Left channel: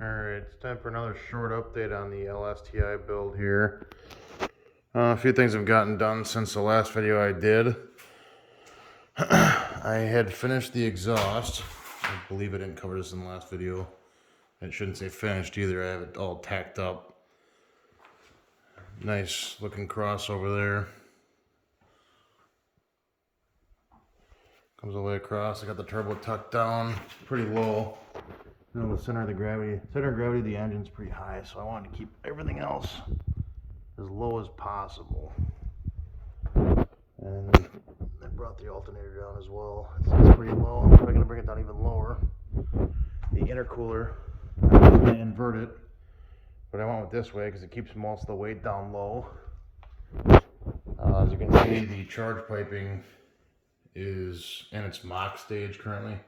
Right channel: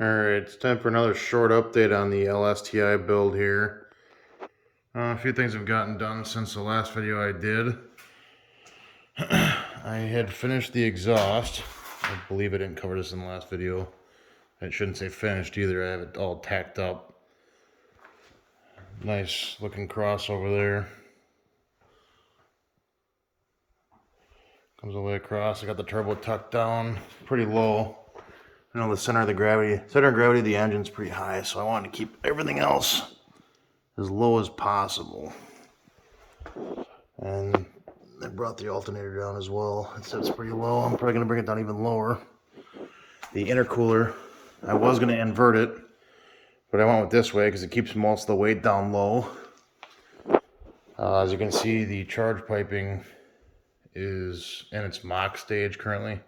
Alright, it's time for another short update on the STI build here. A few things have gotten done since the last video I did. I had finished the exhaust. I believe I didn't cover this in the last video. I shouldn't say finished either, I have it all tacked up. Nice looking cross over there. Comes all the way across. I got the turbo tucked down pretty low. You know, the center of gravity of the engine's pretty high, so I wanted to keep everything else as low as possible. And I brought the alternator down as well. It's pretty low. I'm probably going to bring it down even lower. The intercooler, I was going to invert it, but I went with this way because it keeps most of the weight down low. As you can see, the charge piping is in its mock stage currently.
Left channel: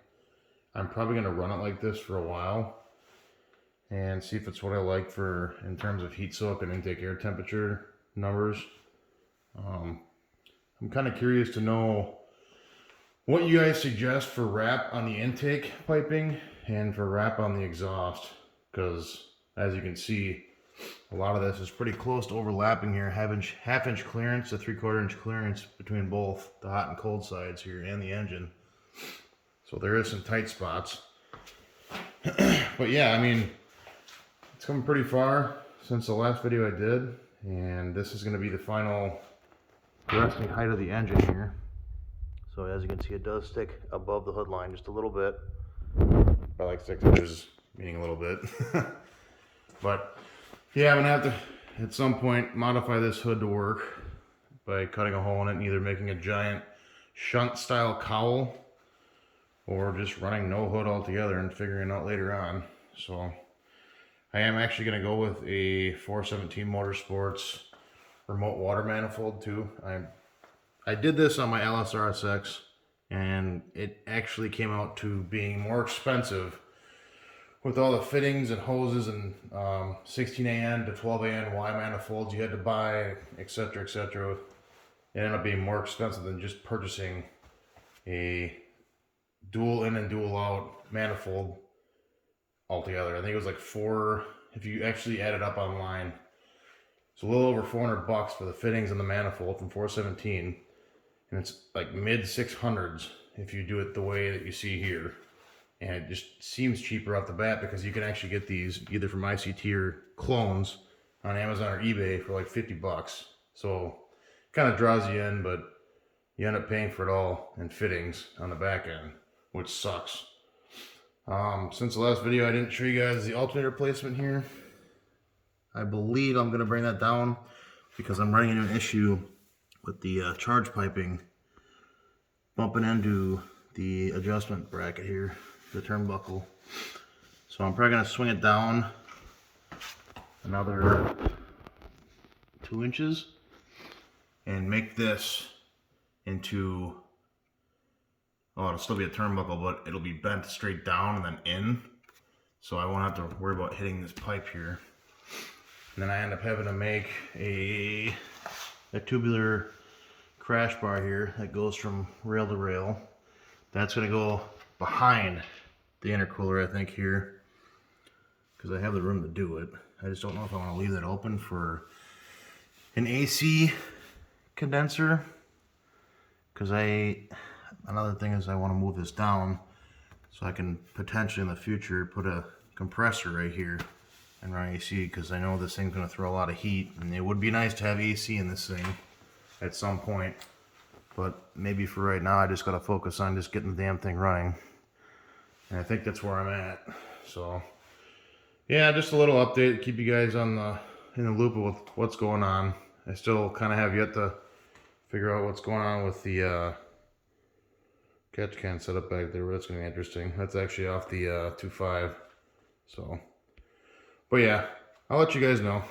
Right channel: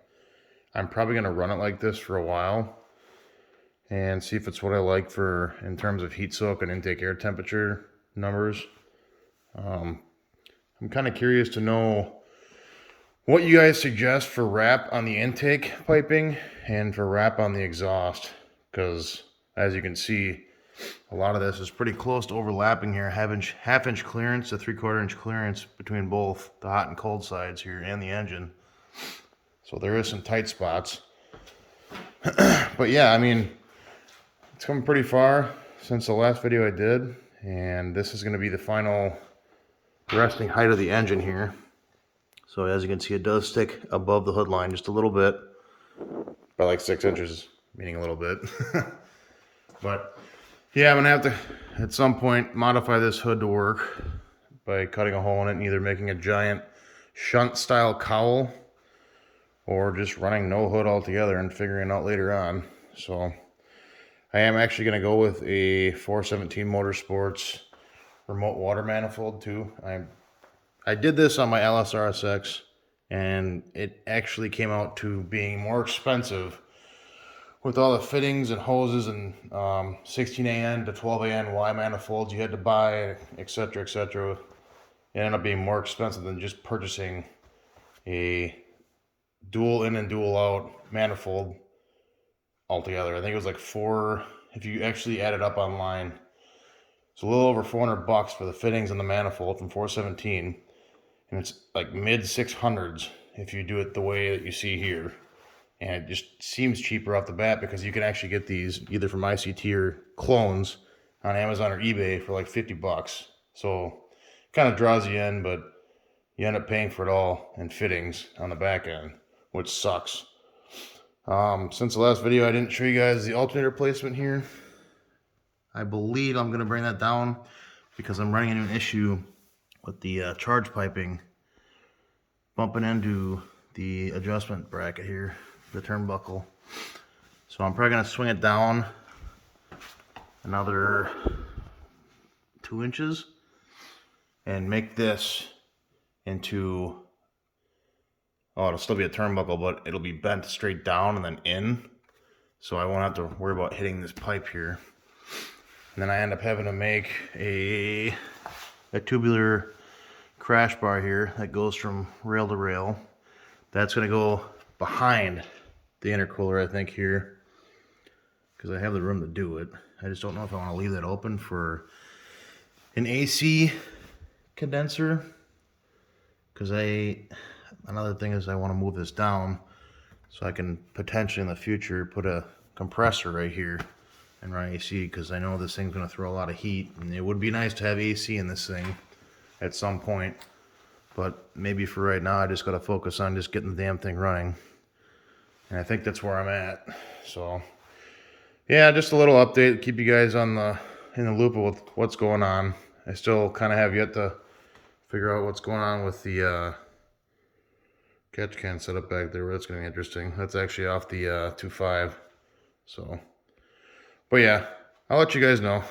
I'm probably going to run it like this for a while and see if it's what I like for in terms of heat soak and intake air temperature numbers. I'm kind of curious to know what you guys suggest for wrap on the intake piping and for wrap on the exhaust, because as you can see, a lot of this is pretty close to overlapping here. Half inch clearance to 3/4 inch clearance between both the hot and cold sides here and the engine. So there is some tight spots. But yeah, I mean, it's come pretty far since the last video I did, and this is going to be the final resting height of the engine here. So as you can see, it does stick above the hood line just a little bit, by like 6 inches, meaning a little bit. But yeah, I'm gonna have to at some point modify this hood to work by cutting a hole in it and either making a giant shunt style cowl or just running no hood altogether and figuring it out later on. So I am actually going to go with a 417 Motorsports remote water manifold too. I did this on my LSRSX and it actually came out to being more expensive with all the fittings and hoses and 16AN to 12AN Y manifolds you had to buy, etc., etc. It ended up being more expensive than just purchasing a dual in and dual out manifold altogether. I think it was like if you actually add it up online, it's a little over $400 for the fittings and the manifold from 417, and it's like mid 600s if you do it the way that you see here. And it just seems cheaper off the bat because you can actually get these either from ICT or clones on Amazon or eBay for like $50. So it kind of draws you in, but you end up paying for it all in fittings on the back end, which sucks. Since the last video, I didn't show you guys the alternator placement here. I believe I'm going to bring that down because I'm running into an issue with the charge piping bumping into the adjustment bracket here, the turnbuckle. So I'm probably going to swing it down another 2 inches and make this into, oh, it'll still be a turnbuckle, but it'll be bent straight down and then in, so I won't have to worry about hitting this pipe here. And then I end up having to make a tubular crash bar here that goes from rail to rail. That's going to go behind the intercooler, I think, here, because I have the room to do it. I just don't know if I want to leave that open for an AC condenser, because another thing is I want to move this down so I can potentially in the future put a compressor right here and run AC, because I know this thing's going to throw a lot of heat, and it would be nice to have AC in this thing at some point. But maybe for right now, I just got to focus on just getting the damn thing running. And I think that's where I'm at. So yeah, just a little update, keep you guys in the loop of what's going on. I still kind of have yet to figure out what's going on with the catch can setup back there. That's going to be interesting. That's actually off the 2.5. So, but yeah, I'll let you guys know.